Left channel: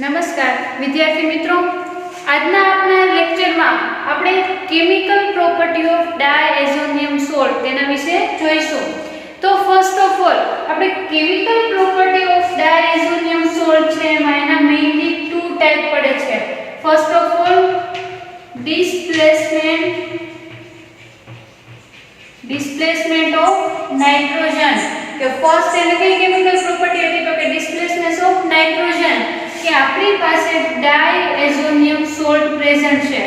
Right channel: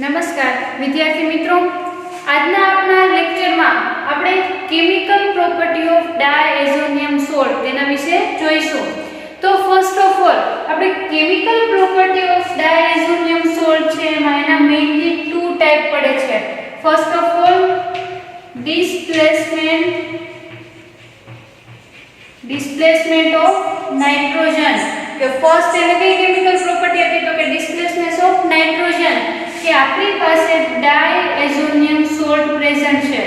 નમસ્કાર વિદ્યાર્થી મિત્રો, આજના આપણા લેક્ચરમાં આપણે chemical property of diazonium salt તેના વિશે જોઈશું. તો ફર્સ્ટ ઓફ ઓલ આપણે chemical property of diazonium salt છે એમાં એના મેઇનલી ટુ ટાઈપ પડે છે. First of all displacement of nitrogen. કે ફર્સ્ટ એને કઈ કેમિકલ પ્રોપર્ટી હતી તો કે ડિસ્પ્લેસમેન્ટ ઓફ નાઇટ્રોજન, કે આપણી પાસે ડાયએઝોનિયમ સોલ્ટ પ્રેઝન્ટ છે,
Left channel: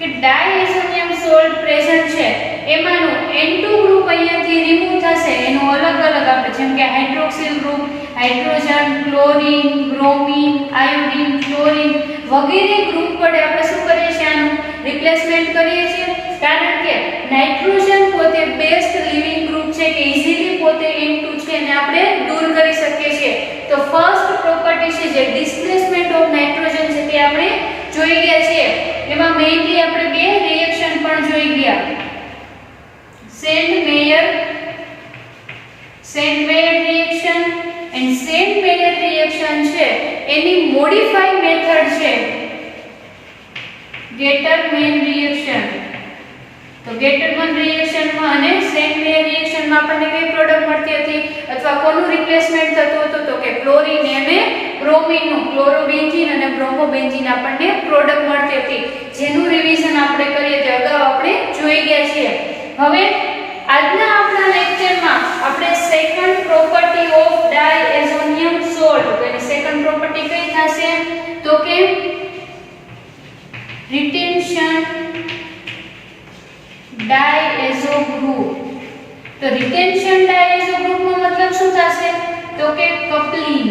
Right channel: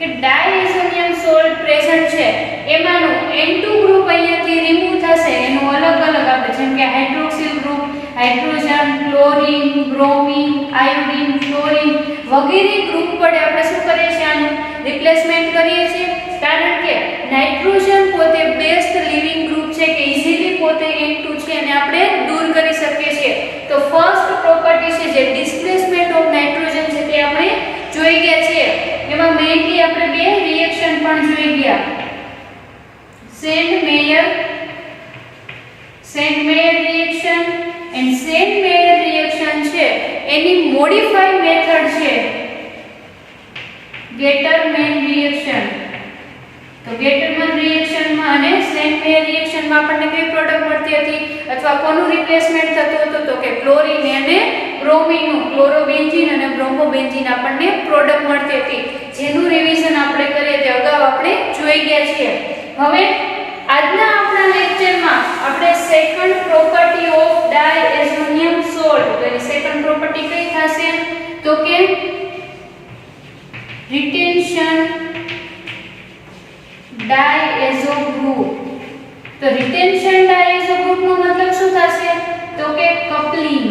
કે ડાયએઝોનિયમ સોલ્ટ પ્રેઝન્ટ છે એમાંનું N2 ગ્રુપ અહીંયાથી રિમૂવ થશે, એનો અલગ અલગ આપણે જેમ કે hydroxyl group, hydrogen, chlorine, bromine, iodine, fluorine વગેરે ગ્રુપ વડે આપણે શું કરીએ છીએ, આનું રિપ્લેસમેન્ટ કરીએ છીએ. કારણ કે નાઇટ્રોજન પોતે બેસ્ટ લિવિંગ ગ્રુપ છે કે ઇઝીલી પોતે N2 છે અને આપણે દૂર કરી શકીએ છીએ. તો ફર્સ્ટ પ્રોપર્ટી છે જે ડિસ્પ્લેસમેન્ટ ઓફ નાઇટ્રોજન છે તે આપણે જોઈ ગયા છીએ. એમાં મેઇનલી આપણે બે રિએક્શન પણ જોઈ ગયા, send-mayor reaction and send-mayor reaction છે એની મોડિફાઈડ મેથડ છે ગેટરમેન રિએક્શન. તો ગેટરમેન રિએક્શનમાં અને સેન્ડ-મેયર રિએક્શનમાં આપણને કઈ પ્રોડક્ટ મળતી હતી અથવા કોનું રિપ્લેસમેન્ટ થતું હતું તો કે ક્લોરીન અને બ્રોમિનનું, ક્લોરોબેન્ઝીન અને બ્રોમોબેન્ઝીન આપણને પ્રોડક્ટ મળતી હતી, જેનું રિવિઝન આપણે કરીએ તે અગાઉ આપણે જોઈ ગયા છીએ. હવે આજના આપણા લેક્ચરમાં આપણે second property of diazonium salt, તો એની સેકન્ડ પ્રોપર્ટી કઈ થશે તો કે રિટેન્શન ડાયએઝો ગ્રુપ. તો રિટેન્શન ડાયએઝો ગ્રુપનો મતલબ શું થશે તો કે કપલિંગ.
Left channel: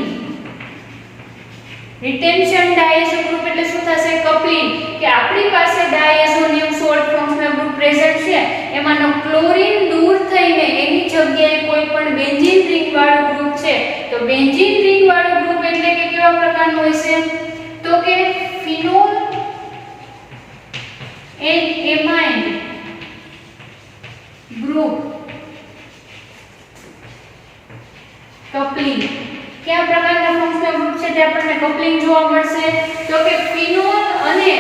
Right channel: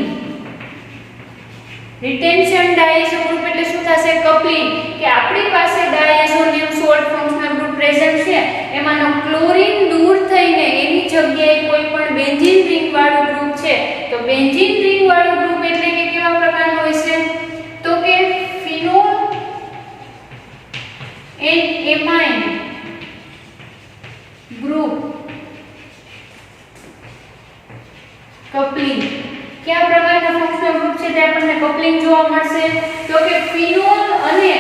રિટેન્શન ડાયએઝો ગ્રુપ એટલે શું થશે, કપલિંગ. કે આપણી પાસે diazonium salt functional group present છે, એમાંનો ક્લોરીન દૂર થઈને એની જગ્યાએ કોઈ પણ બેન્ઝીન રિંગ વાળું ગ્રુપ છે. તો બેન્ઝીન રિંગ વાળું ગ્રુપ એટલે કે કેવા પ્રકારનું હોય છે તો કે phenol and amine group coupling. કયા પ્રકારના ફંક્શનલ ગ્રુપ છે તે આપણને કપલિંગ જોવા મળશે તો કે ફિનોલ અને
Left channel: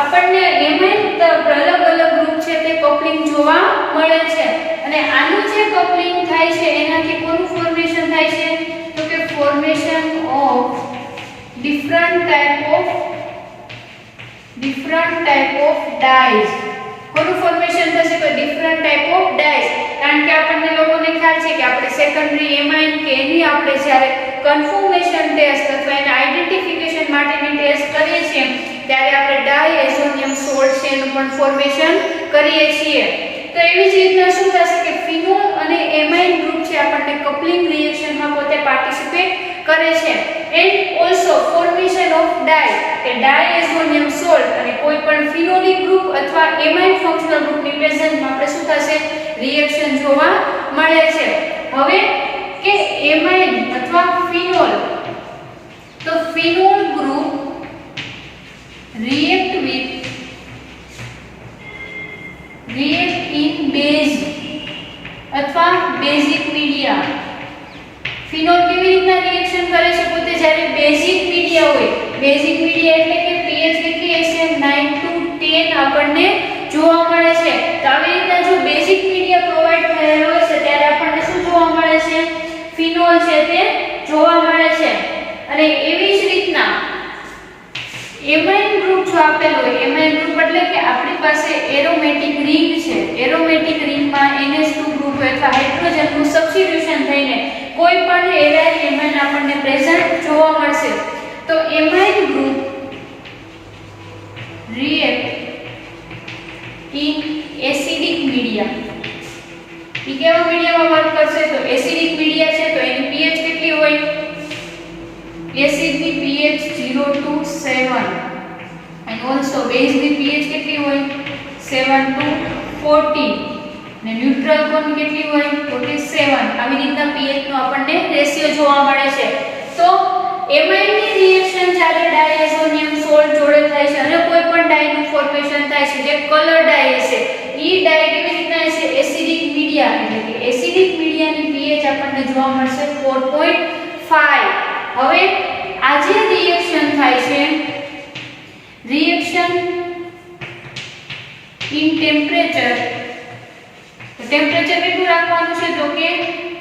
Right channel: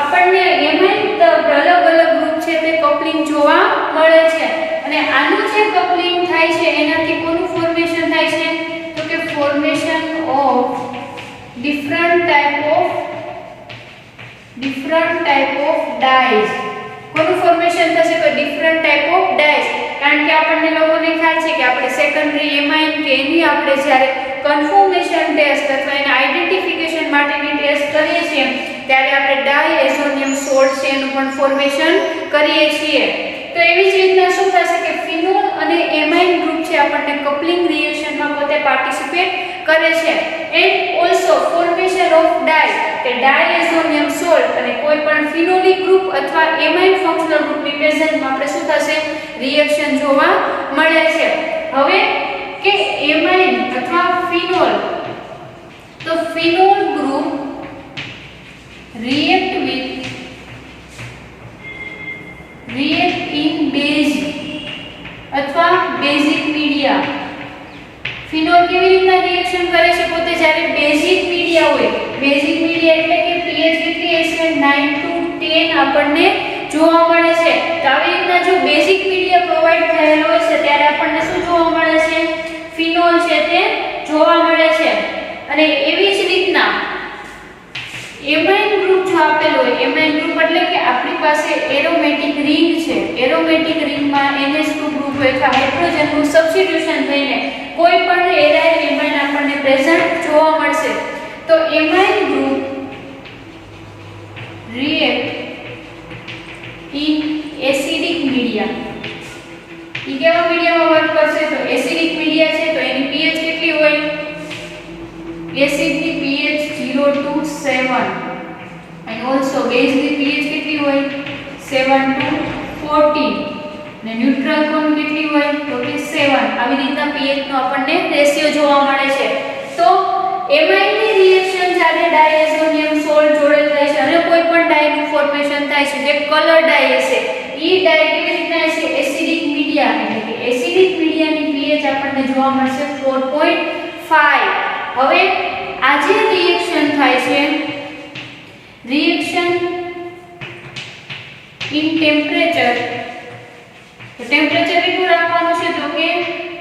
આપણને એમાઇન અલગ અલગ ગ્રુપ છે તે કપલિંગ જોવા મળે છે. અને આનું જે કપલિંગ થાય છે એનાથી કોનું ફોર્મેશન થાય છે તો કે formation of different type of dyes. કોનું ફોર્મેશન થશે તો ડિફરન્ટ ટાઈપ ઓફ ડાઈઝ. કારણ કે આપણને લોકોને ખ્યાલ છે કે આપણે સેકન્ડરી એમાઇન કે એની આપણે જ્યારે કન્ફર્મેશન ટેસ્ટ અથવા એના આઈડેન્ટિફિકેશન માટેની ટેસ્ટ કરીએ છીએ ત્યારે આપણે ડાયએઝોનિયમ સોલ્ટ છે એનું પણ ફોર્મેશન કરીએ છીએ. તો એવી જ રીતના શું થશે કે ફિનોલ અને એમાઇન ગ્રુપ છે આપણને કપલિંગ રિએક્શનમાં પોતે પાર્ટિસિપેટ કરે છે. એન્ડ ઓલસો ફોર્મેશન ઓફ કે ડાયએઝોનિયમ સોલ્ટ અને કોઈ પણ ફિનોલિક ગ્રુપ અથવા એમાઇન ફંક્શનલ ગ્રુપની પ્રેઝન્સમાં આપણે શું થશે, રિએક્શન જોવા મળે છે. હવે કે એમાઇન અથવા ફિનોલ, તો phenol group react in base અથવા બેઝિક મીડિયા. ફિનોલ કેવી રીતના રિએક્શન કરે છે પોતે જ્યારે બેઝિક મીડિયા હોય, બેઝિક મીડિયા એટલે કે pH કેટલી હશે 9 to 10 આપણને જોવા મળે છે. તો આવી રીતના જો બેઝિક મીડિયા પ્રોવાઈડ થયેલો હોય છે ત્યારે આપણને શું જોવા મળે છે, ફિનોલ છે તે જોવા મળે છે. અને એવી જ રીતના એમાઇન ગ્રુપ જો આપેલો હોય, એમાઇન ગ્રુપ એટલે કે આપણી પાસે એરોમેટિક રિંગ છે, એરોમેટિક રિંગમાં NH2 ગ્રુપ હોય અથવા હાઇડ્રોજનનું સબસ્ટિટ્યુશન થઈને કોઈ પણ એરાઇલ એમાઇન આપણને પ્રેઝન્ટ જોવા મળશે. તો amine group react in acidic media. ઈ કેવા મીડિયામાં વર્ક કરશે તો એસિડિક મીડિયા છે તો એની pH કેટલી હોય, એસિડની pH 0 to 7 and also બેઝની pH કેટલી હોય 7 to 14 અને ન્યુટ્રલ કોની કેટલી હોય તો કે 7. આવી રીતના pH નો આપણને રેશિયો જોવા મળે છે. તો એમાઇનની રિએક્શન જ્યારે ડાયએઝોનિયમ સોલ્ટ જોડે થાય છે અને કોઈ પણ ડાયનું ફોર્મેશન થાય છે જે કલર ડાય હશે, ઈ ડાય કેવી રીતના હશે, એસિડિક મીડિયા એટલે કે એસિડિક મીડિયાની pH આપણને જોવા મળશે 4.5 હવે આ જે રિએક્શન થાય છે, રિએક્શન ઇન ટેમ્પરેચર, તો ટેમ્પરેચર કેટલું રાખવાનું છે તો કે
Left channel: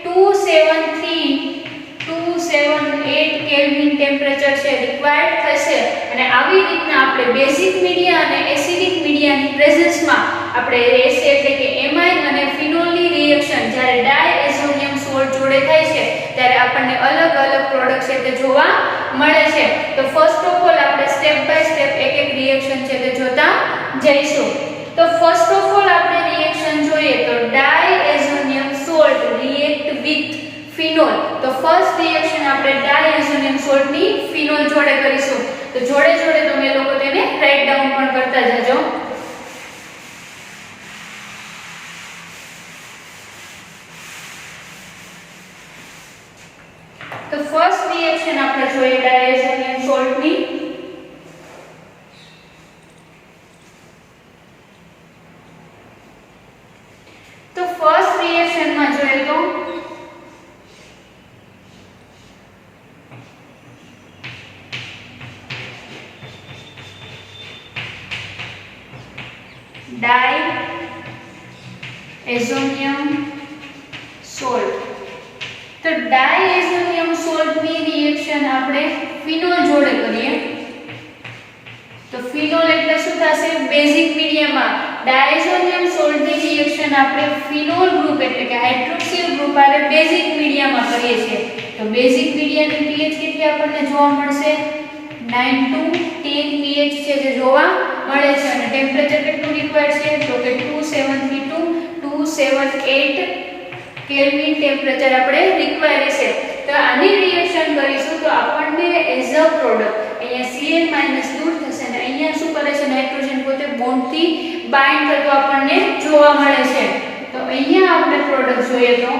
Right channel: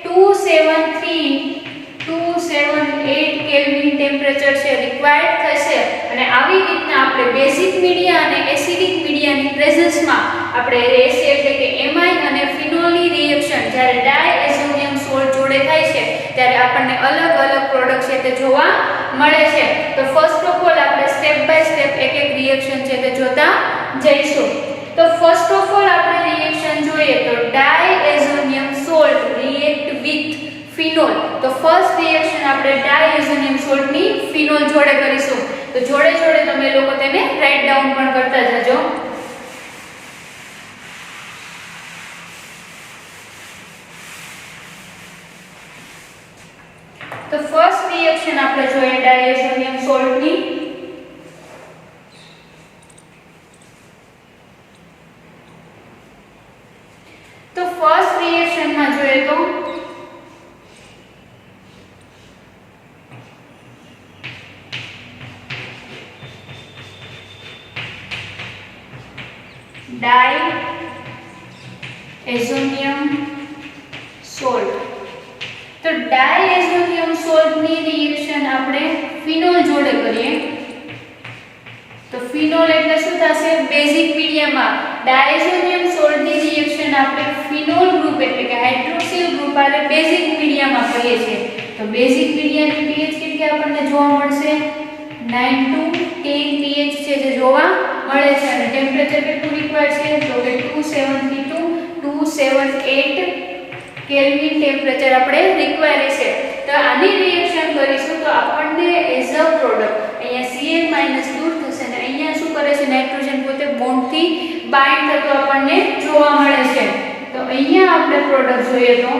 278 કેલ્વિન ટેમ્પરેચર છે રિક્વાયર્ડ થશે. અને આવી રીતના આપણે બેઝિક મીડિયા અને એસિડિક મીડિયાની પ્રેઝન્સમાં આપણે એટલે કે એમાઇન અને ફિનોલની રિએક્શન જ્યારે ડાયએઝોનિયમ સોલ્ટ જોડે થાય છે ત્યારે આપણને અલગ અલગ પ્રોડક્ટ છે તે જોવા મળે છે. તો ફર્સ્ટ ઓફ ઓલ આપણે સ્ટેપ બાય સ્ટેપ એક એક રિએક્શન છે તે જોતા જઈશું. તો ફર્સ્ટ ઓફ ઓલ આપણે રિએક્શન જોઈએ તો diazonium salt react with phenol. તો ફર્સ્ટ રિએક્શન આપણે ડાયએઝોનિયમ સોલ્ટની ફિનોલ જોડે કરીશું. તો જોડે જોડે તમે લોકો તેને રાઇટ ડાઉન પણ કરતા જજો. તો ફર્સ્ટ રિએક્શન આપણે જોઈએ ડાયએઝોનિયમ સોલ્ટની. તો ફર્સ્ટ રિએક્શનમાં જોઈએ તો ડાયએઝોનિયમ સોલ્ટ. તો ડાયએઝોનિયમ સોલ્ટની રિએક્શન આપણે ફિનોલ જોડે કરીએ. તો ફિનોલ એટલે શું થશે? બેઝિક મીડિયમમાં ડાયએઝોનિયમ સોલ્ટની રિએક્શન આપણે ફિનોલ ગ્રુપ એટલે કે હાઇડ્રોક્સિલ ગ્રુપ આરે બેઝિક મીડિયમમાં કરીએ છીએ. તો બેઝિક મીડિયાની pH કેટલી આપણને જોવા મળશે? 9 to 10 pH છે જે જોવા મળે છે. અને ટેમ્પરેચર કેટલું રિક્વાયર્ડ છે તો કે 270 to 278 કેલ્વિન ટેમ્પરેચર આપણે રિક્વાયર્ડ છે. તો આની રિએક્શન કરીશું તો આપણને એઝ અ પ્રોડક્ટ અહીંયા Cl- દૂર થશે અને અહીંયા શું કરે છે? નાઇટ્રોજન પોતે બોન્ડથી બાઇન્ડ થતો આપણને જોવા મળે છે. તો અહીંયા આપણે પ્રોડક્ટ જોઈએ તો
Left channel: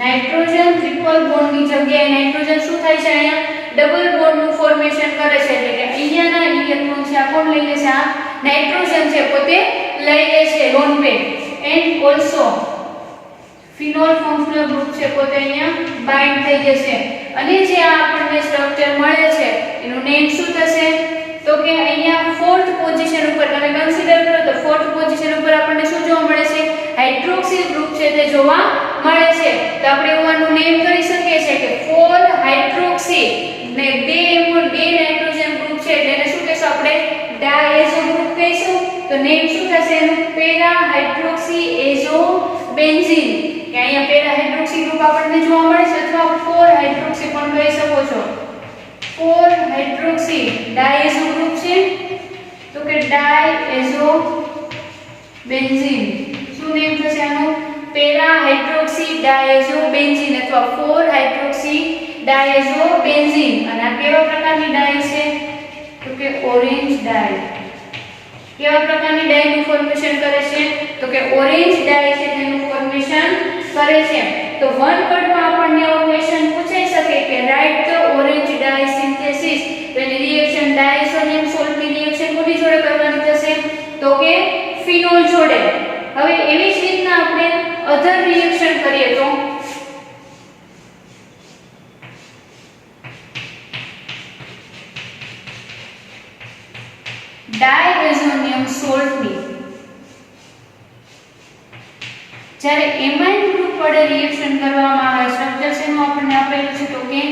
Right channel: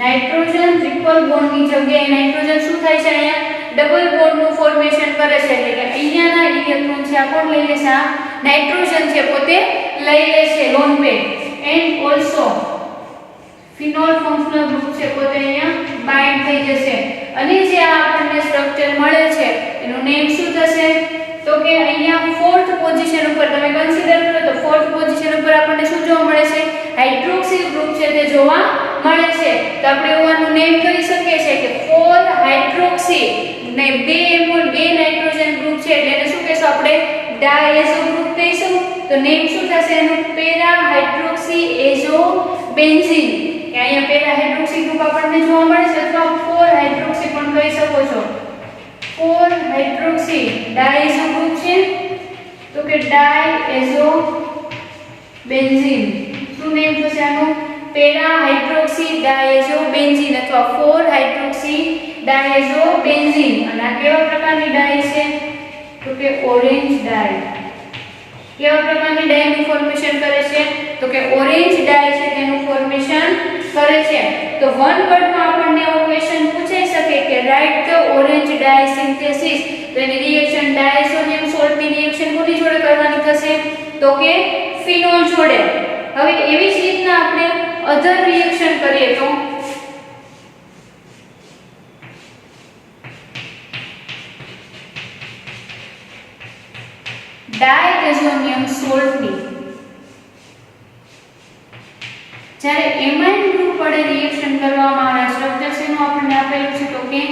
નાઇટ્રોજન ટ્રિપલ બોન્ડની જગ્યાએ નાઇટ્રોજન શું થાય છે? અહીંયા ડબલ બોન્ડનું ફોર્મેશન કરે છે. એટલે કે અહીંયાના ઇલેક્ટ્રોન છે આ કોણ લઈ લેશે? આ નાઇટ્રોજન છે પોતે લઈ લેશે lone pair. And also phenol functional group છે પોતે અહીંયા બાઇન્ડ થઈ જશે. અને જે આ આપણને સ્ટ્રક્ચર મળે છે એનું નેમ શું થશે? તો કે અહીંયા ફોર્થ પોઝિશન ઉપર તમે કન્સિડર કરો તો ફોર્થ પોઝિશન ઉપર આપણને શું જોવા મળે છે? હાઇડ્રોક્સિલ ગ્રુપ છે તે જોવા મળે છે. તો આપણે એવાનું નેમ કરી શકીએ છીએ કે 4 હાઇડ્રોક્સી ને 2 નાઇટ્રોજન ગ્રુપ છે એટલે એને શું કહેશું આપણે? ડાયએઝો ગ્રુપ કહીશું. તો નેમ શું થશે એનું? Para hydroxy azo benzene. કે અહીંયા પેરા હાઇડ્રોક્સી ગ્રુપ આપણને જોવા મળે છે અથવા 4 હાઇડ્રોક્સી પણ કહી શકો છો. 4 હાઇડ્રોક્સી ડાયએઝો ગ્રુપ છે તો કે ડાયએઝો બેન્ઝીન. શું નેમ થશે આનું? પેરા હાઇડ્રોક્સી ડાયએઝો બેન્ઝીન અથવા 4 હાઇડ્રોક્સી ડાયએઝો બેન્ઝીન. અને આ કેવા પ્રકારની ડાય છે તો કે ઓરેન્જ ડાય. કેવા પ્રકારની ડાયનું ફોર્મેશન કરે છે તો કે ઓરેન્જ ડાય છે તેનું ફોર્મેશન કરે છે. તો વન વર્ડમાં આપણને એવો ક્વેશ્ચન પૂછાઈ શકે કે right the orange dye synthesis. તેની રિએક્શન ડાયએઝોનિયમ સોલ્ટની રિએક્શન કોની જોડે કરવાની થશે તો કે ફિનોલ જોડે. હવે એવી જ રીતના આપણે અધર રિએક્શન કરીએ તો ડાયએઝોનિયમ સોલ્ટની જ્યારે એમાઇન ગ્રુપ વડે રિએક્શન કરવામાં આવે સ્ટ્રક્ચર શેનું આપણને આપેલું છે તો કે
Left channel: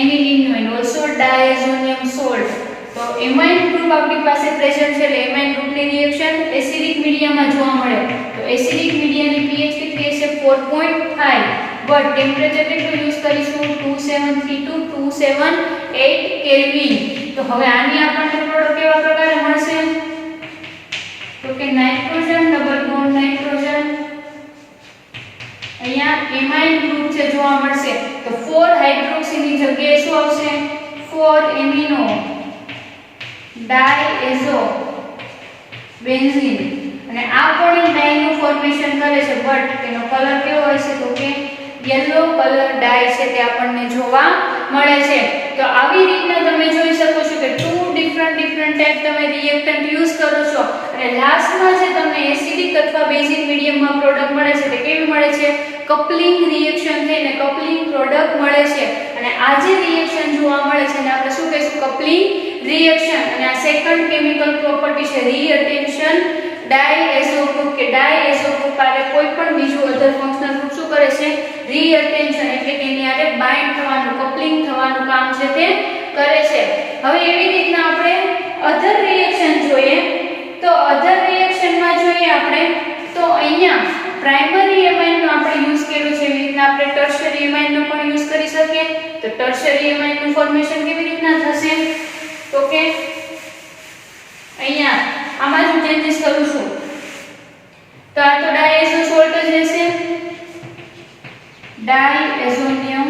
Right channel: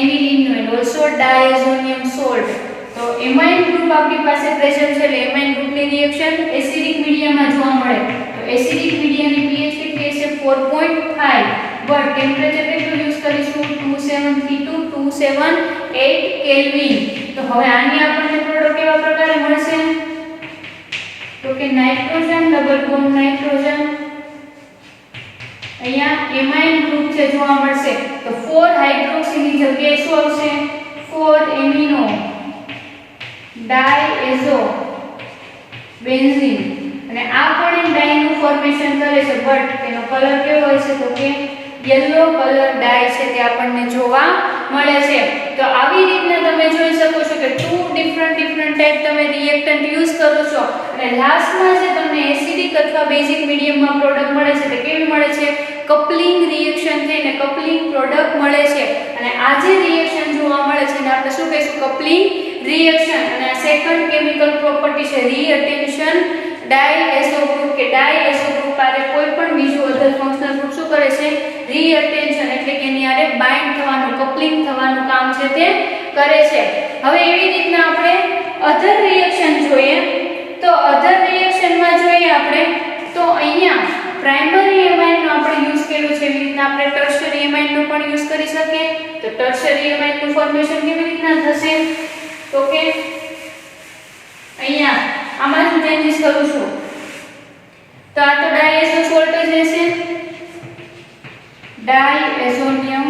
એનિલિન ઓલસો ડાયએઝોનિયમ સોલ્ટ. તો એમાઇન ગ્રુપ આપણી પાસે પ્રેઝન્ટ છે એટલે એમાઇન ગ્રુપની રિએક્શન એસિડિક મીડિયામાં જોવા મળે. તો એસિડિક મીડિયાની pH કેટલી છે? 4.5. બટ ટેમ્પરેચર કેટલું યુઝ કરીશું? 273 to 278 કેલ્વિન. તો હવે આની આપણને પ્રોડક્ટ કેવા પ્રકારે મળશે તો કે નાઇટ્રોજન ડબલ બોન્ડ નાઇટ્રોજન. અહીંયા એમાઇન ગ્રુપ છે જોવા મળશે. તો 4 હાઇડ્રોક્સીની જગ્યાએ શું આવશે? 4 એમિનો ડાયએઝો બેન્ઝીન. અને આ પણ એક ડાયનું ફોર્મેશન કરે છે બટ તેનો કલર કેવો હશે તો કે યલો કલર ડાય છે તે આપણને જોવા મળે છે. તો આવી રીતના તમે જોઈ શકો છો કે 2 ડિફરન્ટ ટાઈપ તમે રિએક્ટન્ટ યુઝ કરો છો અને લાસ્ટમાં જે તમને એસિડિક અથવા બેઝિક મીડિયમમાં પ્રોડક્ટ મળે છે તે કેવી મળે છે? કપલિંગ રિએક્શન થઈને કપલિંગ પ્રોડક્ટ મળે છે અને આ જે રિએક્શન જોવા મળે છે એને આપણે શું કહીશું કપલિંગ રિએક્શન અને આ સેકન્ડ કેમિકલ પ્રોપર્ટી છે રીઅટેન્શન ડાયએઝો ગ્રુપ કે ડાયએઝો ગ્રુપ આરે કોઈ પણ બીજું અધર ફંક્શનલ ગ્રુપ શું કરે છે રીઅટેન્શન એટલે કે એની આરે બાઇન્ડ થવાનું કપલિંગ થવાનું કામ છે તે કરે છે હવે એવી રીતના આપણે અધર રિએક્શન જોઈએ તો અધર રિએક્શનમાં જોઈએ આપણે તો અહીંયા પ્રાઇમરી એમાઇન નો આપણે યુઝ કર્યું છે એવી રીતના આપણે ટર્શરી એમાઇન નો પણ યુઝ કરી શકીએ તો ટર્શરી એમાઇન નું ફોર્મેશન કેવી રીતના થશે તો કે અહીંયા આમાં હું ચેન્જીસ કરું છું તો આ તો ડાયએઝો સોલ્ટ જ રહેશે ડાયએઝોનિયમ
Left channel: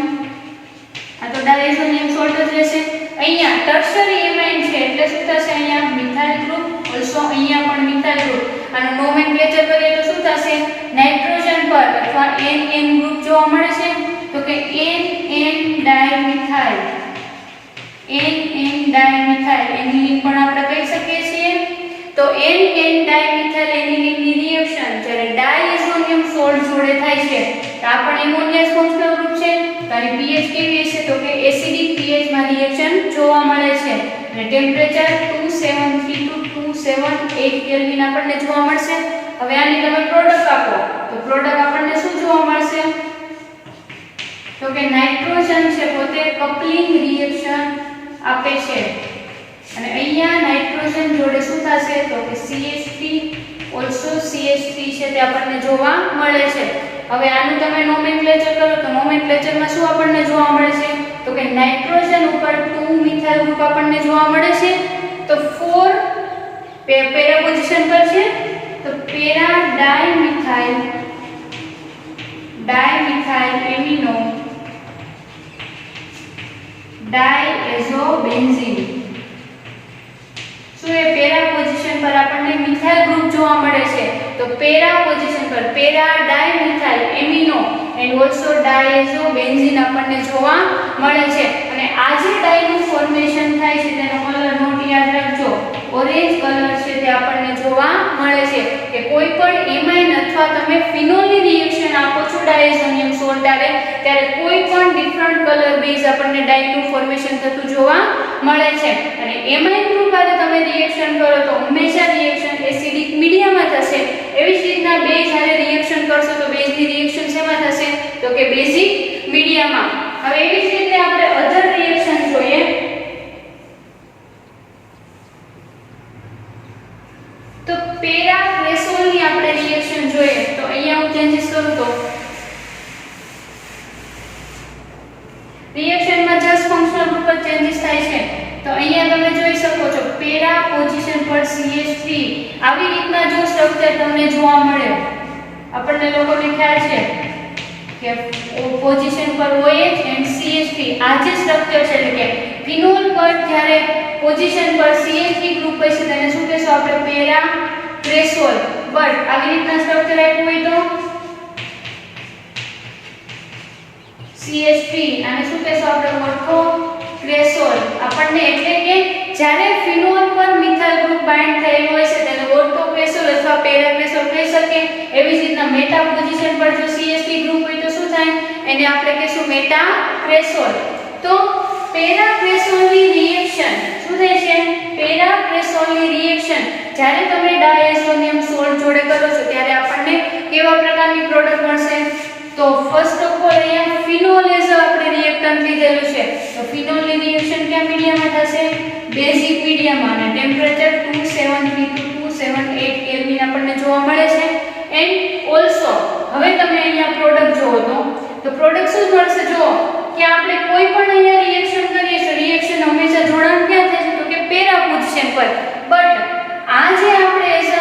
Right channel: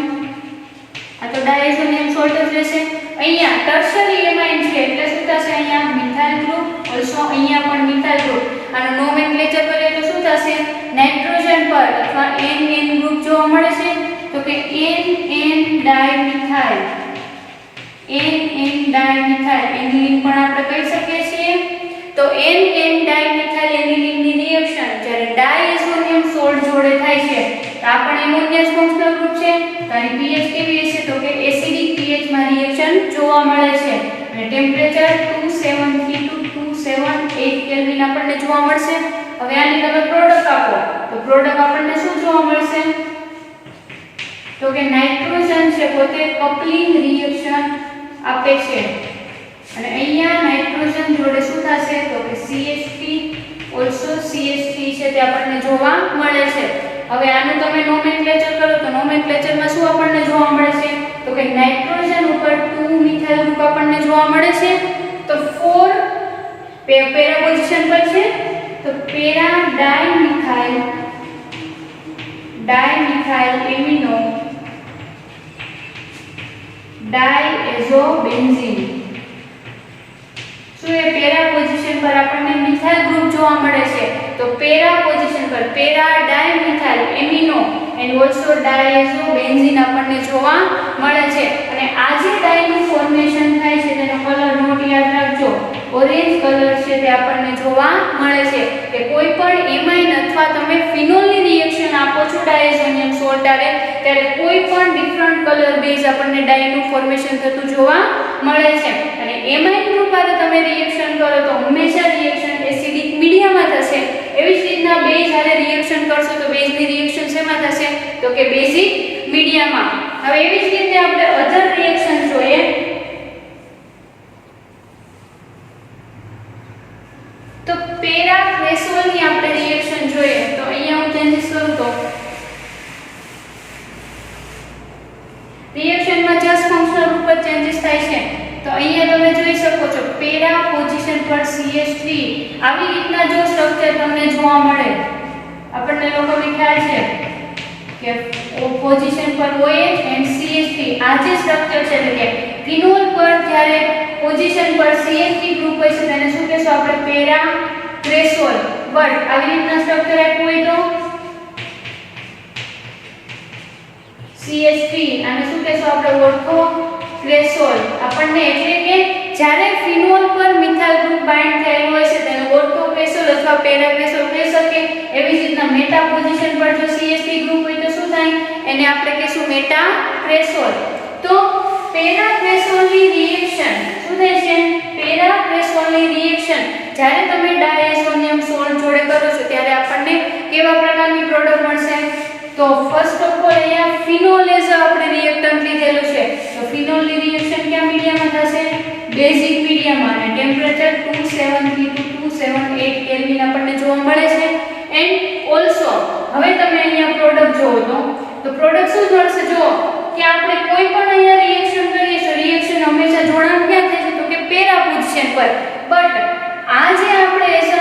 આ તો ડાયએઝોનિયમ સોલ્ટ જ રહેશે અહીંયા ટર્શરી એમાઇન છે એટલે શું થશે અહીંયા મિથાઇલ ગ્રુપ ઓલસો અહીંયા પણ મિથાઇલ ગ્રુપ અને નોમેનક્લેચર કરીએ તો શું થશે નાઇટ્રોજન પર અથવા NN ગ્રુપ જોવા મળે છે તો કે NN ડાયમિથાઇલ NN ડાયમિથાઇલ એની લિંક પણ આપણે કહી શકીએ છીએ તો NN ડાયમિથાઇલ એનિલિન ની રિએક્શન જ્યારે ડાયએઝોનિયમ સોલ્ટ જોડે થાય છે તો આ પણ એમોનિયસ ફંક્શનલ ગ્રુપ છે તો આની pH કેવી હશે તો કે એસિડિક pH માં રિએક્શન જોવા મળે છે અને ટેમ્પરેચર 270 to 278 કેલ્વિન આપણને જોવા મળશે હવે આની તમે પ્રોડક્ટ આપો તો પ્રોડક્ટ આપણને શું જોવા મળશે તો કે નાઇટ્રોજન છે પોતે કપલિંગ રિએક્શન આપે છે અને અહીંયા નાઇટ્રોજન જોડે શું થશે તો કે CH3 ઓલસો CH3 છે તે આપણને જોવા મળે છે હવે આનું તમે નોમેનક્લેચર કરો તો નોમેનક્લેચરમાં શું આપણને જોવા મળે છે તો કે નાઇટ્રોજન ઉપર 2 મિથાઇલ ગ્રુપ આપણને જોવા મળે છે તો 4 પેરા પોઝિશન પર છે તો પેરા ડાયમિથાઇલ એમિનો ડાયએઝોબેન્ઝીન શું એ પેરા પોઝિશન પર આપણને મિથાઇલ ગ્રુપ જોવા મળે છે તો પેરા પોઝિશન પર para dimethyl amino and also diazobenzene આપણને જોવા મળે છે અને આ જે ડાયનું ફોર્મેશન થાય છે તેનો કલર નોટ યાદ રાખજો ઓરેન્જ કલર છે તે આપણને જોવા મળે છે કે કોઈ પણ એમાઇન અથવા તમે ફિનોલની રિએક્શન આપો છો ડાયઝોનિયમ સોલ્ટ આરે ત્યારે કોઈ પણ ડિફરન્ટ કલર બેઝ આપણને ડાયનું ફોર્મેશન થતું જોવા મળે છે અને એમાઇન ગ્રુપ આરે તમે રિએક્શન કરો તો હંમેશા રિએક્શન એસિડિક મીડિયામાં થશે એવી જ રીતના બેઝ આરે રિએક્શન કરશો તો બેઝની રિએક્શન શેમાં થશે તો કે બેઝિક મીડિયામાં હવે એવી જ રીતે આપણે અધર રિએક્શન જોઈએ તો પેરાક્રેસોલની આપણે રિએક્શન જોઈએ તો અહીંયા હું ચેન્જીસ કરું તો રિએક્શનમાં જસ્ટ ફંક્શનલ રૂપ જ ચેન્જીસ થાય છે તો અહીંયા તમે જોઈ શકો છો પેરા પોઝિશન પર CH3 આવી રીતના જો સ્ટ્રક્ચર તમને જોવા મળે આપણને લોકોને ખ્યાલ છે કે પોઝિશન પર OH એન્ડ CH3 આ જે સ્ટ્રક્ચર છે એટલે કે ફિનોલ પર જ્યારે પોઝિશન પર CH3 ગ્રુપ હોય છે તેને શું કહેશું આપણે પેરાક્રેસોલ બટ આવી રીતના સ્ટ્રક્ચર આપ્યું હોય તો CH3 આને શું કહેશું આપણે ઓર્થોક્રેસોલ આપણને એટલે કે જ્યારે ફિનોલ પર મિથાઇલ ગ્રુપ બાઇન્ડ થયેલું હોય છે તેને ઓર્થોક્રેસોલ અથવા પેરાક્રેસોલ કહી શકીએ એવી જ રીતના મેટા પોઝિશન પર જો CH3 ગ્રુપ હોય તો શું થાય એને આપણે કહીશું મેટાક્રેસોલ તો પેરાક્રેસોલની રિએક્શન શું થાય છે પેરાક્રેસોલની રિએક્શન જ્યારે તમે ડાયઝોનિયમ સોલ્ટ જોડે કરો છો ત્યારે આપણને કેવા પ્રકારની પ્રોડક્ટ મળશે તો ફર્સ્ટ ઓફ ઓલ અહીંયા ફિનોલ એઝ આપણે રિએક્ટન્ટ લીધેલું છે તો ફિનોલની રિએક્શન કયા મીડિયામાં થશે બેઝિક મીડિયામાં અને ટેમ્પરેચર 273 to 278 કેલ્વિન આપણને જોવા મળે છે એન્ડ ઓલસો હવે તમે અહીંયા પ્રોડક્ટ જોવો તો પ્રોડક્ટ શું મળશે જો કે આપણે કોઈ પણ અહીંયા રિએક્શન કરીએ તો રિએક્શન હંમેશા જોડાણ ક્યાં થાય છે તો કે પેરા પોઝિશન પર બટ આ જે આપણે એઝ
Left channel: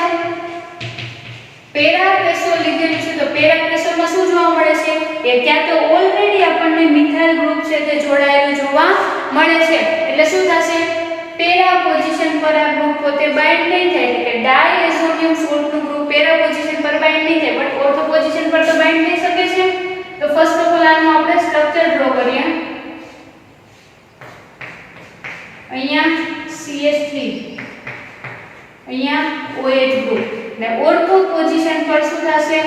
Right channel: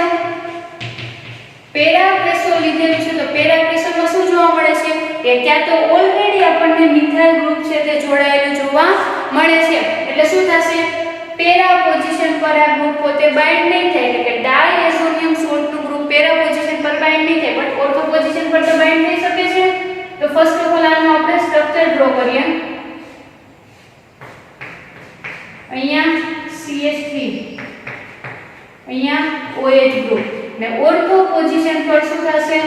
પેરાક્રેસોલ લીધેલું છે તો પેરાક્રેસોલમાં શું જોવા મળે છે કે ત્યાં તો ઓલરેડી આપણને મિથાઇલ ગ્રુપ છે તે જોડાયેલું જોવા મળે છે એટલે શું થશે પેરા પોઝિશન પર આ ગ્રુપ પોતે બાઇન્ડ નહીં થાય એટલે કે ડાયએઝોનિયમ સોલ્ટનું ગ્રુપ પેરા પોઝિશન પર બાઇન્ડ નહીં થાય બટ ઓર્થો પોઝિશન પર તો બાઇન્ડ થઈ શકે છે તો ફર્સ્ટ ઓફ ઓલ આનું આપણે સ્ટ્રક્ચર ડ્રો કરીએ અહીંયા CH3 અહીંયા OH ગ્રુપ ને ઓર્થો પોઝિશન પર શું થશે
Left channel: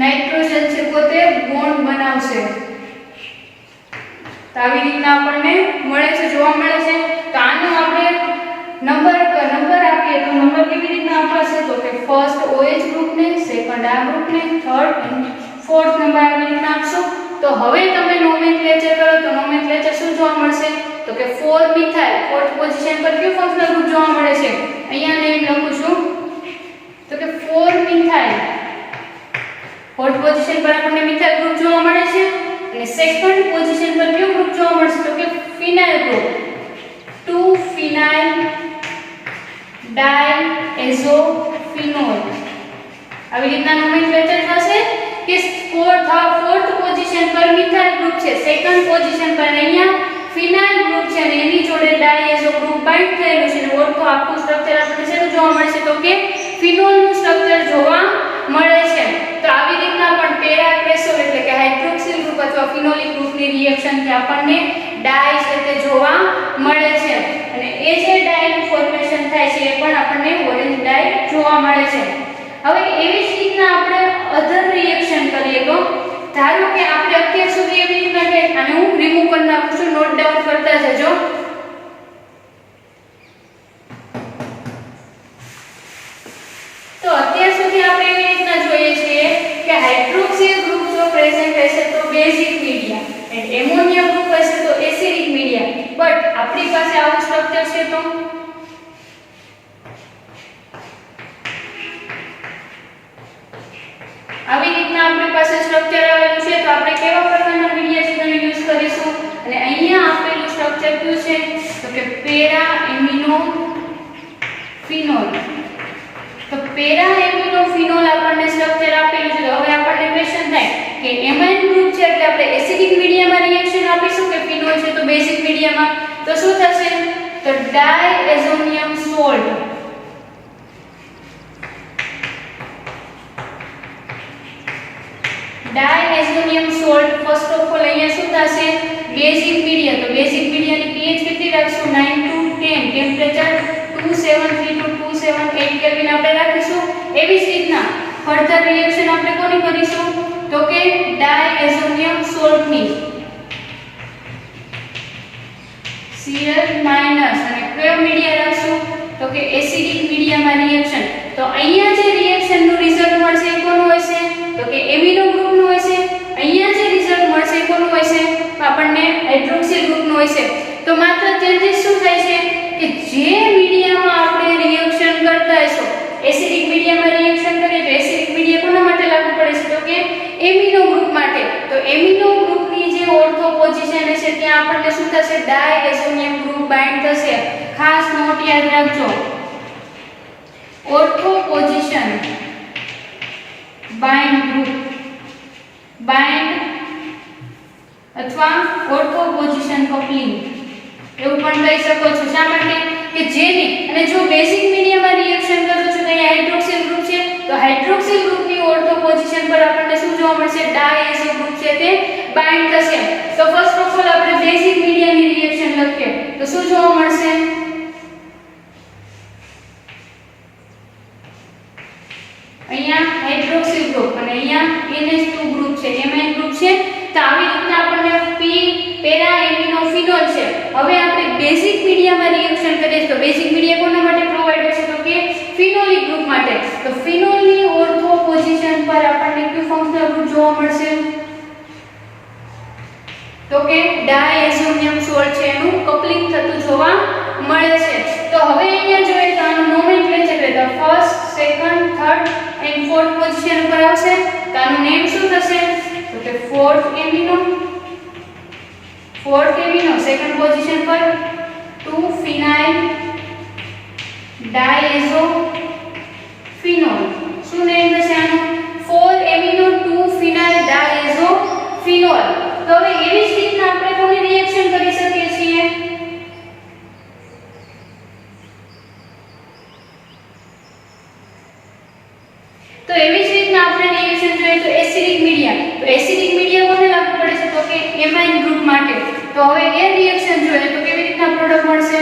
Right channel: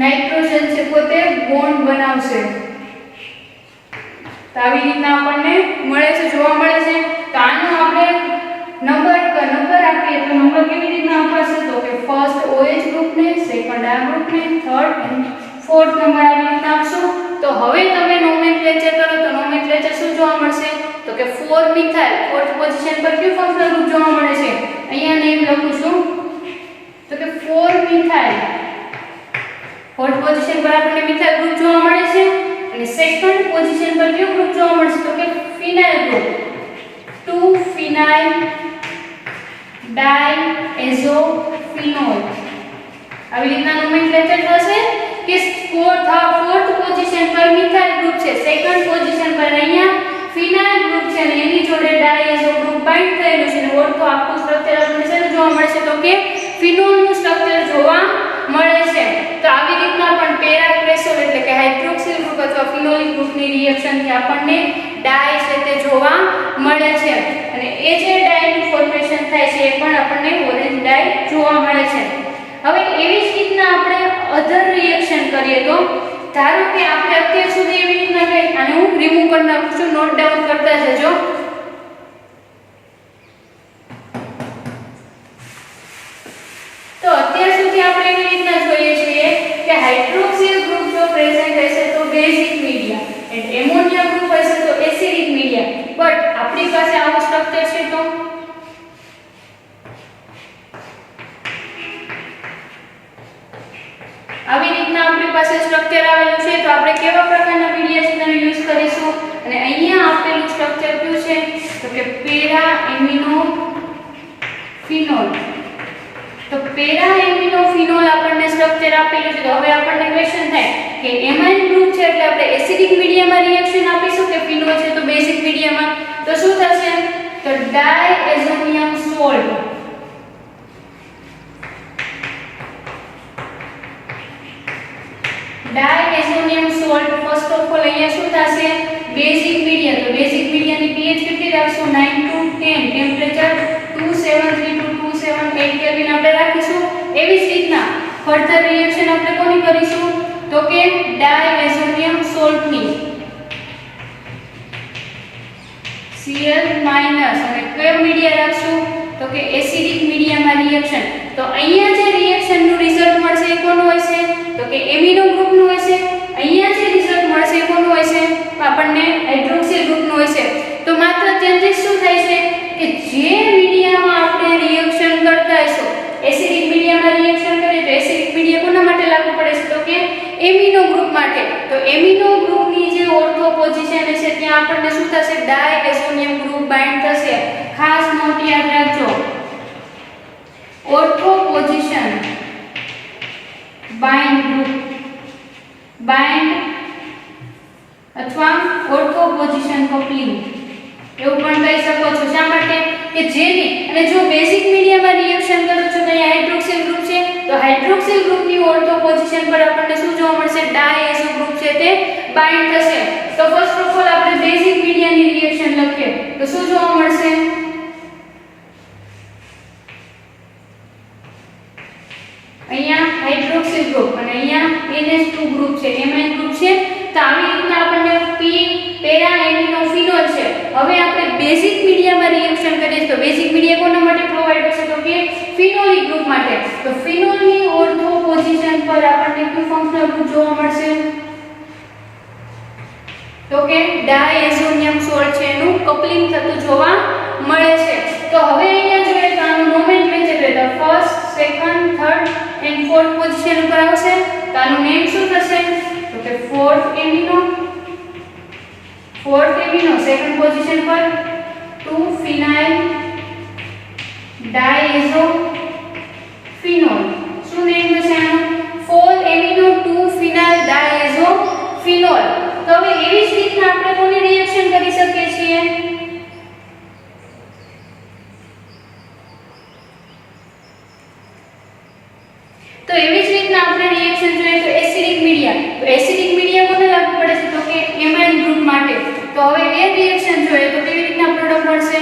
નાઇટ્રોજન છે પોતે બોન્ડ બનાવશે. તો આવી રીતના આપણને મળે છે, જોવા મળે છે. તો આનો આપણે નંબર આપીએ તો નંબર કેવી રીતના અપાશે? તો કે ફર્સ્ટ OH ગ્રુપને, સેકન્ડ આ ગ્રુપને, થર્ડ અને ફોર્થ નંબર આવી રીતના આપશું. તો હવે તમે નોમેનક્લેચર કરો તો નોમેનક્લેચર શું જોવા મળશે? તો કે 4 મિથાઇલ ફોર્થ પોઝિશન પર કયું ફંક્શનલ ગ્રુપ જોવા મળે છે? અહીંયા નેમ લખું છું. તો કે 4 મિથાઇલ ફોર્થ પોઝિશન પર આપણને મિથાઇલ ગ્રુપ જોવા મળે છે. અને સેકન્ડ પોઝિશન પર કયું ગ્રુપ જોવા મળશે? તો કે ફિનાઇલ ગ્રુપ. 2 ફિનાઇલ ડાયએઝોફિનોલ. આવી રીતના નોમેનક્લેચર થશે કે ફોર્થ પોઝિશન પર મિથાઇલ ગ્રુપ છે, સેકન્ડ પોઝિશન પર અહીંયા ફિનાઇલ ગ્રુપ છે અને એની જોડે ડાયએઝો ગ્રુપ બાઇન્ડ થયેલું છે. અને ઓર્થો આખું સ્ટ્રક્ચર આપણને શું જોવા મળશે? તો કે ફિનોલનું સ્ટ્રક્ચર જોવા મળે છે. તો આવી રીતના પણ પેરાક્રેસોલ એટલે કે હાઇડ્રોક્સિલ ગ્રુપ અથવા ફિનોલિક ગ્રુપની રિએક્શન થી આપણને ડાય છે તે જોવા મળે છે. અને એ જે ડાયનું ફોર્મેશન થાય છે એ પણ આપણને ઓરેન્જ ડાય જોવા મળે છે. હવે એવી જ રીતના આપણે અધર રિએક્શન કરીએ તો ધારો કે આપણે અત્યાર સુધી એવી રીતના કે આને હું રિમૂવ કરી નાખું છું, નોટ ડાઉન કરતા જજો. તો અત્યાર સુધી આપણે એવી રીતના જોઈએ છીએ કે હાઇડ્રોક્સિલ ગ્રુપ જો પ્રેઝન્ટ હશે તો basic media and ammonia group હશે તો એસિડિક મીડિયા. બટ આપણી પાસે આવું સ્ટ્રક્ચર છે તો આવી રીતના આપણી પાસે સ્ટ્રક્ચર આવેલું છે. તો આપણે કેવા પ્રકારના મીડિયા છે તેને યુઝ કરીશું? અને અહીંયા આપેલું સ્ટ્રક્ચર કયું છે? તો કે પેરા એમિનો ફિનોલ. તો પેરા એમિનો ફિનોલ આપણને સ્ટ્રક્ચર આપેલું છે. તો હવે આપણને ક્વેશ્ચન થાય કે એમાઇન ગ્રુપ છે એટલે આપણે એસિડિક મીડિયામાં રિએક્શન આપીશું કે ફિનોલ છે તો બેઝિક મીડિયામાં? તો શું થશે? તો diazonium salt. Diazonium salt first of all અહીંયા શું થશે? Basic media. તો બેઝિક મીડિયાની pH કેટલી રાખશું? 9 to 10. ટેમ્પરેચર 273 to 278 કેલ્વિન આપણે રાખીશું. એવી જ રીતના ફર્ધર રિએક્શન આપણે કોની કરીશું? તો કે ડાયએઝોનિયમ સોલ્ટની Cl- અને કયો મીડિયા રાખશું? તો કે એસિડિક મીડિયામાં રિએક્શન. તો અહીંયા જે રિએક્શનનું રિઝલ્ટ મળશે એ કોનું હશે? તો કે એમિનો ગ્રુપનું હશે. અહીંયા જે રિઝલ્ટ મળશે એ કોનું હશે? આપણને હાઇડ્રોક્સિલ ગ્રુપનું હશે. તો માત્ર ચેન્જીસ શું થાય છે કે જે મીડિયામાં આપણે રિએક્શન કરતા હશો, એસિડિક મીડિયામાં રિએક્શન કરીએ તો એસિડિક મીડિયા કોના માટે લાગુ પડે છે? તો કે એમિનો ગ્રુપ માટે. તો એમિનો ગ્રુપની જે ઓર્થો પોઝિશન હશે ત્યાં આપણને શું થશે? ડાયએઝોનિયમ ગ્રુપ બાઇન્ડ થશે. ખાસ નોટ યાદ રાખજો, ortho position bind group bind અથવા ઓર્થો પોઝિશન કપલિંગ એવું પણ કહી શકો છો. શા માટે? કે જેની અને જો બેઝિક મીડિયામાં રિએક્શન કરું છું તો અહીંયા હાઇડ્રોક્સિલ ગ્રુપ છે તો હાઇડ્રોક્સિલ ગ્રુપની ઓર્થો પોઝિશન પર આપણને શું જોવા મળશે? ડાયએઝો ગ્રુપ છે તે બાઇન્ડ થશે. તો ફર્સ્ટ ઓફ ઓલ આપણે બેઝિક મીડિયાની રિએક્શન લખીએ તો શું જોવા મળશે? અહીંયા હાઇડ્રોક્સિલ ગ્રુપ અને અહીંયા NH2 ગ્રુપ છે, એમાઇન ગ્રુપ છે. તો આવી રીતના આપણને પેરા એમિનો ફિનોલ છે. હવે આપણે બેઝિક મીડિયામાં રિએક્શન કરીએ તો બેઝિક મીડિયા કોના માટે પ્રોવાઈડ થશે? તો કે ફિનોલિક ગ્રુપ માટે. તો ફિનોલની ઓર્થો પોઝિશન પર આપણને કયું ફંક્શનલ ગ્રુપ જોવા મળશે? તો કે ડાયએઝોનિયમ સોલ્ટ છે એનું કપલિંગ થતું જોવા મળે છે. તો હવે અહીંયા જોઈએ તો આનું નોમેનક્લેચર તો first, second, third and fourth position ઉપર આવશે. તો આનું નેમ શું થશે? તો કે ફોર્થ એમિનો, સેકન્ડ પોઝિશન પર 2 ફિનાઇલ ડાયએઝોફિનોલ. શું નેમ થશે આનું? 4 એમિનો 2 ફિનાઇલ ડાયએઝોફિનોલ. તો હવે એવી જ રીતના આપણે કોની રિએક્શન કરી શકીએ છીએ? તો એવી જ રીતના આપણે રિએક્શન જોઈએ તો એસિડિક મીડિયા. તો એસિડિક મીડિયા કોને લાગુ પડે છે? તો કે એમાઇન ગ્રુપ માટે. તો હવે એ રિએક્શન જોઈએ તો કેવી રીતના પ્રોડક્ટ મળશે?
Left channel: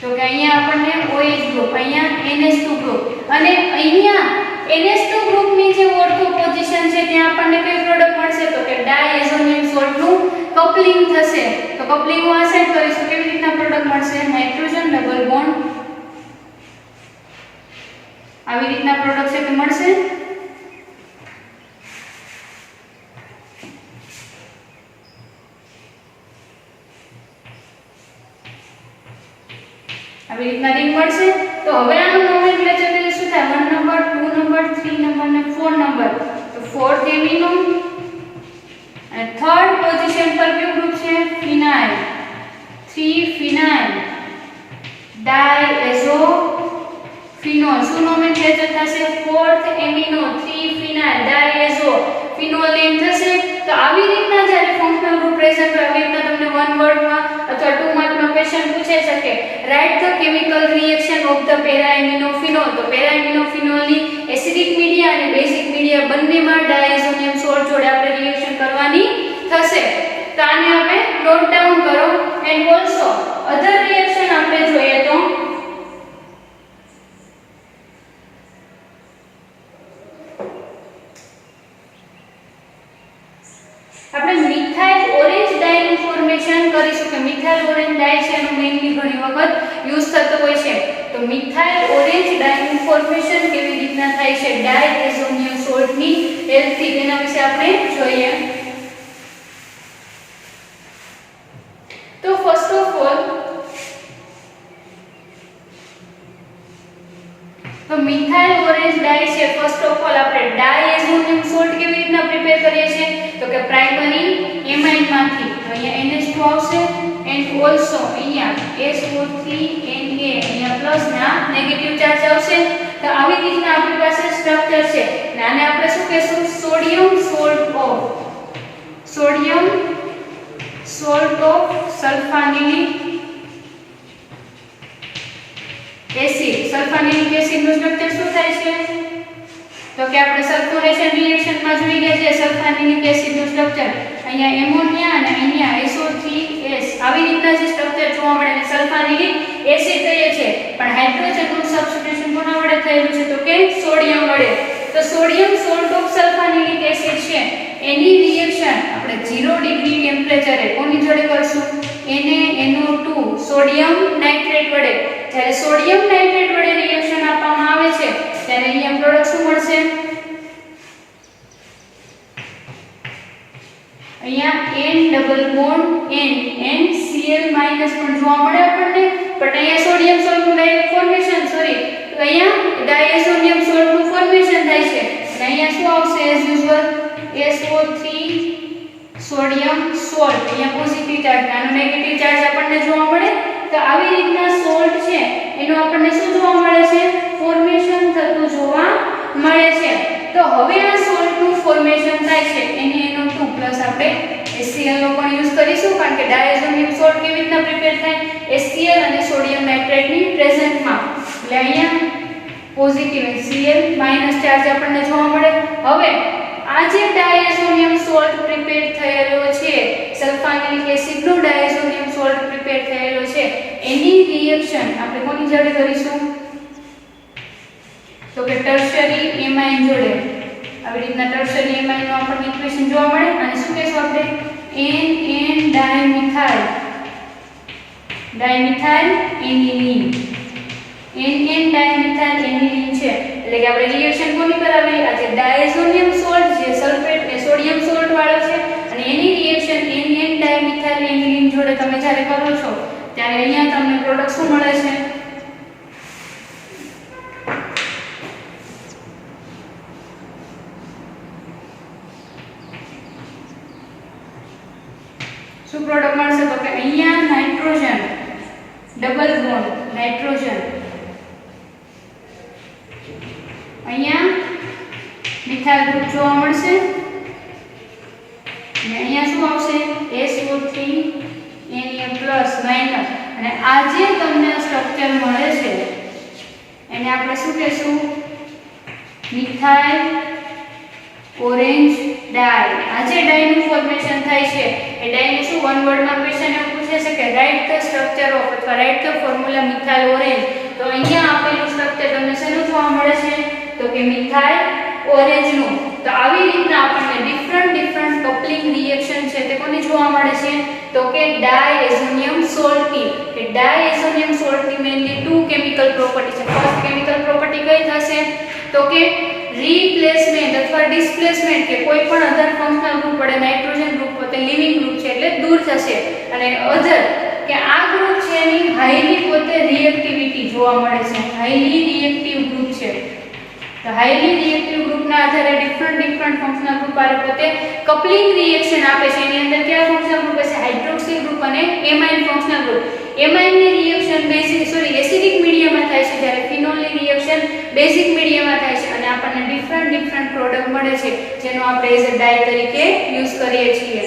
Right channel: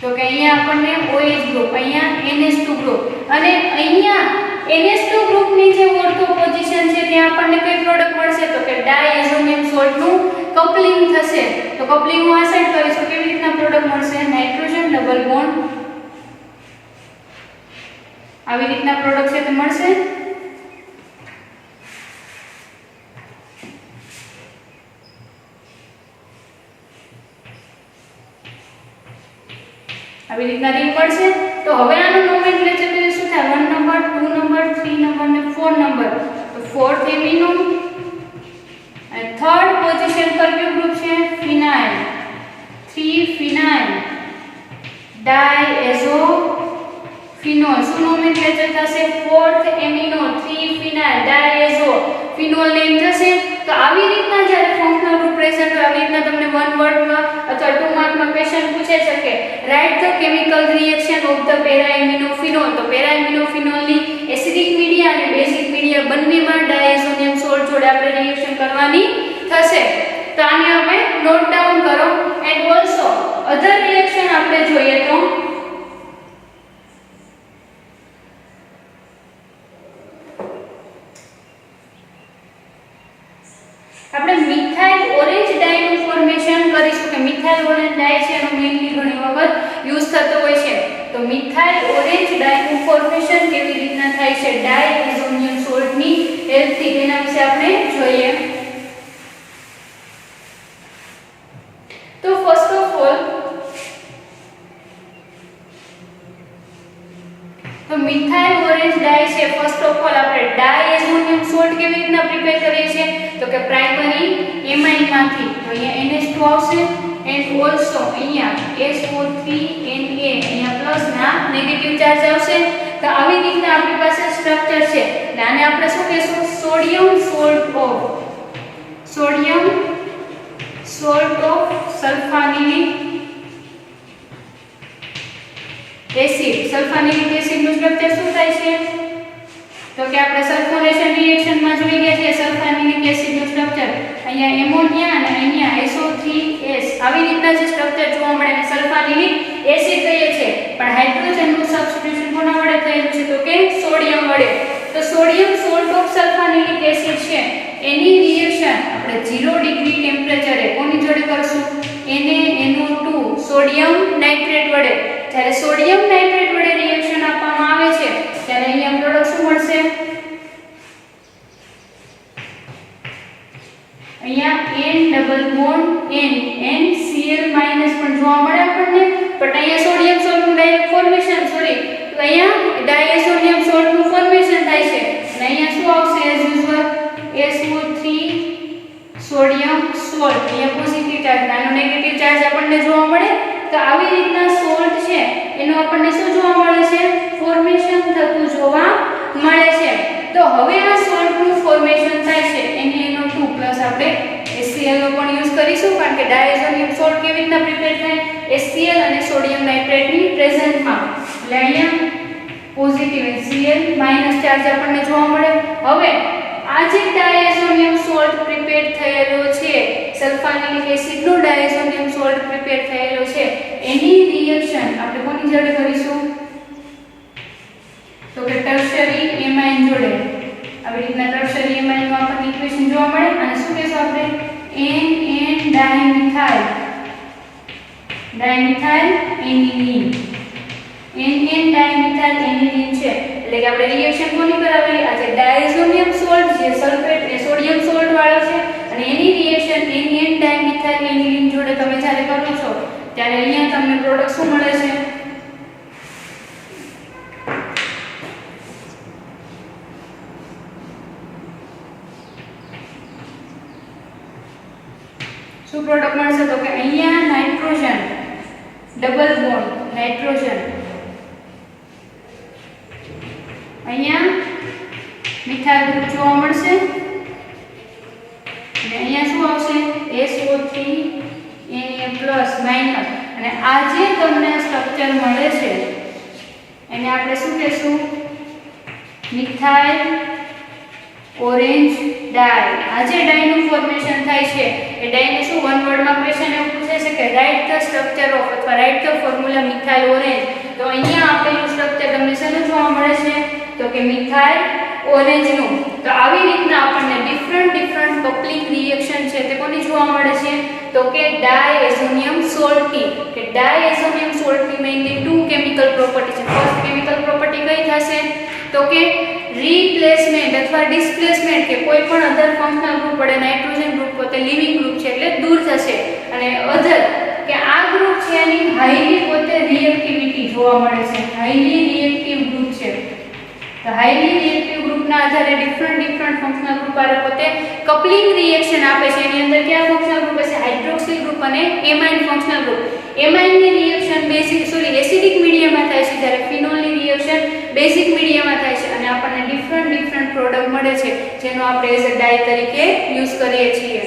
તો કે અહીંયા આપણને OH ગ્રુપ, અહીંયા NH2 ગ્રુપ અને અહીંયા NH2 ગ્રુપની જે ઓર્થો પોઝિશન છે ત્યાં આપણને કઈ પ્રોડક્ટ મળશે તો કે ડાયઝોનિયમ સોલ્ટનું કપલિંગ થશે. તો કપલિંગ હું આ સાઈડ કરીશું. કેવી રીતના પ્રોડક્ટ મળશે? નાઇટ્રોજન ડબલ બોન્ડ આવી રીતના પ્રોડક્ટ છે તે મળશે. આવી રીતના રિંગ મળશે. તો હવે આનું નોમેનક્લેચર એટલે શું થાય? 1 નંબર 2 નંબર 3 નંબર અને 4 નંબર. તો 4th એમિનો અને થર્ડ પોઝિશન પર કયું ગ્રુપ છે? ફિનાઇલ. 3 ફિનાઇલ ડાયએઝો ફિનોલ. શું નોમેનક્લેચર થશે? 4th એમિનો 3 ફિનાઇલ ડાયએઝો ફિનોલ નેમ થશે. તો આવી રીતના જ્યારે ફંક્શનલ ગ્રુપ પ્રેઝન્ટ હોય આવી રીતના તમને 1 વર્ડમાં અથવા 2 માર્કનો ક્વેશ્ચન પૂછાઈ શકે. Write the chemical reaction of the paraaminophenol. તો પેરાએમિનોફિનોલની એસિડિક મીડિયા અને બેઝિક મીડિયા બંનેમાં ડાયઝોનિયમ સોલ્ટ જોડે આપણે રિએક્શન કરવાની થશે. તો આને આપણે નોટ ડાઉન કરો. એન્ડ ઓલસો અધર રિએક્શન આપણે જોઈએ તો આપણે મિથાઇલ ઓરેન્જ ડાયનું ફોર્મેશન કરીશું કે મિથાઇલ ઓરેન્જ ડાય છે એનો મેઇનલી ઘણી વખત યુઝ થતો હોય છે. તો મિથાઇલ ઓરેન્જ ડાયનું ફોર્મેશન કેવી રીતના થાય છે ડાયએઝોનિયમ સોલ્ટની હેલ્પથી તેના વિશે આપણે જોઈએ. તો ફર્સ્ટ ઓફ ઓલ તો મિથાઇલ ઓરેન્જ ડાય છે. ફર્સ્ટ ઓફ ઓલ આપણે ડાયએઝોનિયમ સોલ્ટ કેવી રીતના પ્રિપેર કરીએ છીએ તો કે પ્રાઇમરી એમાઇન માંથી અહીંયા NH2 આવશે એન્ડ ઓલસો અહીંયા SO3 Na અહીંયા પ્લસ ના નેગેટિવ ચાર્જ આવશે. તો આવી રીતના આપણી પાસે સ્ટ્રક્ચર છે. અને આને આપણે શું કહેશું? Sodium salt of sulfanilic acid. Sulfanilic એસિડનું સ્ટ્રક્ચર શું થાય છે તો કે આપણે સલ્ફોરેશન રિએક્શનમાં જોઈ ગયા છે સલ્ફાનિલિક એસિડનું સ્ટ્રક્ચર. અહીંયા એમોનિયા અને અહીંયા SO3S આવી રીતના જે સ્ટ્રક્ચર જોવા મળે એને સલ્ફાનિલિક એસિડ કહીએ છીએ. પણ હાઇડ્રોજનનું સબસ્ટિટ્યુશન કોના વડે થયેલું છે તો કે સોડિયમ વડે. તો sodium salt of sulfanilic acid છે એની રિએક્શન આપણે 0 ડિગ્રી ટેમ્પરેચરે કોની જોડે કરશું? NaNO2 સોડિયમ નાઇટ્રેટ વડે. જ્યારે સોડિયમ નાઇટ્રેટ વડે રિએક્શન આપવામાં આવે છે ત્યારે અહીંયા પ્રોડક્ટ શું મળશે? અહીંયા N double bond N NCl minus પણ જોવા મળે આપણને. બટ અહીંયા સોડિયમ સોલ્ટનું ફોર્મેશન તો અહીંયા ડાયઝોનિયમ સોલ્ટનું ફોર્મેશન થાય છે. અને અહીંયા શું આવશે? As usual SO3 sodium salt. અહીંયા પોઝિટિવ ચાર્જ અને નેગેટિવ ચાર્જ આપણને જોવા મળે. તો આવી રીતના સોલ્ટ છે એનું આપણને શું જોવા મળે છે? ફોર્મેશન થતું જોવા મળે છે. તો હવે આ સોલ્ટનું ફોર્મેશન થાય છે NaNO2 પ્લસ આપણે HCl નો પણ યુઝ કરીશું કારણ કે ડાયઝોનિયમ સોલ્ટ કેવી રીતના પ્રિપેર થાય? HCl અને સોડિયમ નાઇટ્રેટની પ્રેઝન્ટમાં. એટલે અહીંયા પોઝિટિવ HCl માઈનસ ચાર્જ આપણને જોવા મળે. હવે આ જે ડાયઝોનિયમ સોલ્ટ પ્રિપેર થયેલો છે સલ્ફાનિલિક એસિડનો ડાયઝોનિયમ સોલ્ટ પ્રિપેર થયેલો છે એની રિએક્શન આપણે કોની જોડે કરીશું તો કે ટર્શરી એમાઇન જોડે. આવી રીતના ટર્શરી એમાઇનનું આપણને ઇક્વેશન જોવા મળે. અને શું કહેશું આપણે? NN dimethyl aniline. NN dimethyl aniline છે એટલે કે આપણે રિએક્શન કોની કરાવી? આ જે ડાયઝોનિયમ સોલ્ટ જે સલ્ફેટ એ સોડિયમ સોલ્ટ વાળો છે અને એની રિએક્શન NN ડાયમિથાઇલ એનિલીન જોડે તમે જ્યારે કરો છો ત્યારે અહીંયા તમને પ્રોડક્ટ શું મળે છે? શું પ્રોડક્ટ મળશે તો કે અહીંયા નાઇટ્રોજન ડબલ બોન્ડ નાઇટ્રોજન અહીંયા મિથાઇલ ગ્રુપ જોવા મળશે અને અહીંયા શું આવશે SO3 Na માઈનસ. અને આ જે તમને સ્ટ્રક્ચર મળે છે એને આપણે શું કહેશું? મિથાઇલ ઓરેન્જ ડાય. આ જે ડાયનું ફોર્મેશન થાય છે એ ડાયને શું વન વર્ડમાં ક્વેશ્ચન એવું પૂછે છે કે રાઇટ ધ સ્ટ્રક્ચર ઓફ અથવા write the formula methyl orange. તો અહીંયા આપેલું સ્ટ્રક્ચર તમને શેનું જોવા મળે છે? તો તો કે મિથાઇલ ઓરેન્જનો. તો આવી રીતના આપણને ડિફરન્ટ કપલિંગ રિએક્શન છે તે કોની જોવા મળે છે તો કે ડાયઝોનિયમ સોલ્ટની. કે ડાયઝોનિયમ સોલ્ટની મેઇનલી ટુ કેમિકલ પ્રોપર્ટી છે. ફર્સ્ટ કેમિકલ પ્રોપર્ટી કઈ થશે તો કે રિપ્લેસમેન્ટ અથવા ડિસ્પ્લેસમેન્ટ, કે કોઈ પણ અધર ફંક્શનલ ગ્રુપ પડે નાઇટ્રોજન ગ્રુપ પોતે લિવિંગ ગ્રુપ છે એટલે દૂર જશે, અને અધર કે આ ગ્રુપ છે એની હાઈલી પોતે રિએક્ટિવિટી જોવા મળે છે, હાઈલી રિએક્ટિવ ગ્રુપ છે. તો હાઈલી રિએક્ટિવ ગ્રુપના આધારે ડિફરન્ટ ફંક્શનલ ગ્રુપ આરે પોતે કપલિંગ રિએક્શન આપે છે. એની અંદર કયા ફંક્શનલ ગ્રુપ હશે હાઇડ્રોક્સિલ ગ્રુપ અને એમાઇન ફંક્શનલ ગ્રુપ. એમાઇનની રિએક્શન એસિડિક મીડિયમમાં થાય છે, જ્યારે ફિનોલની રિએક્શન બેઝિક મીડિયમમાં થાય છે, અને આપણને ડિફરન્ટ પ્રોડક્ટ મળે છે જેનો આપણે એઝ અ ડાય તરીકે યુઝ કરીએ છીએ.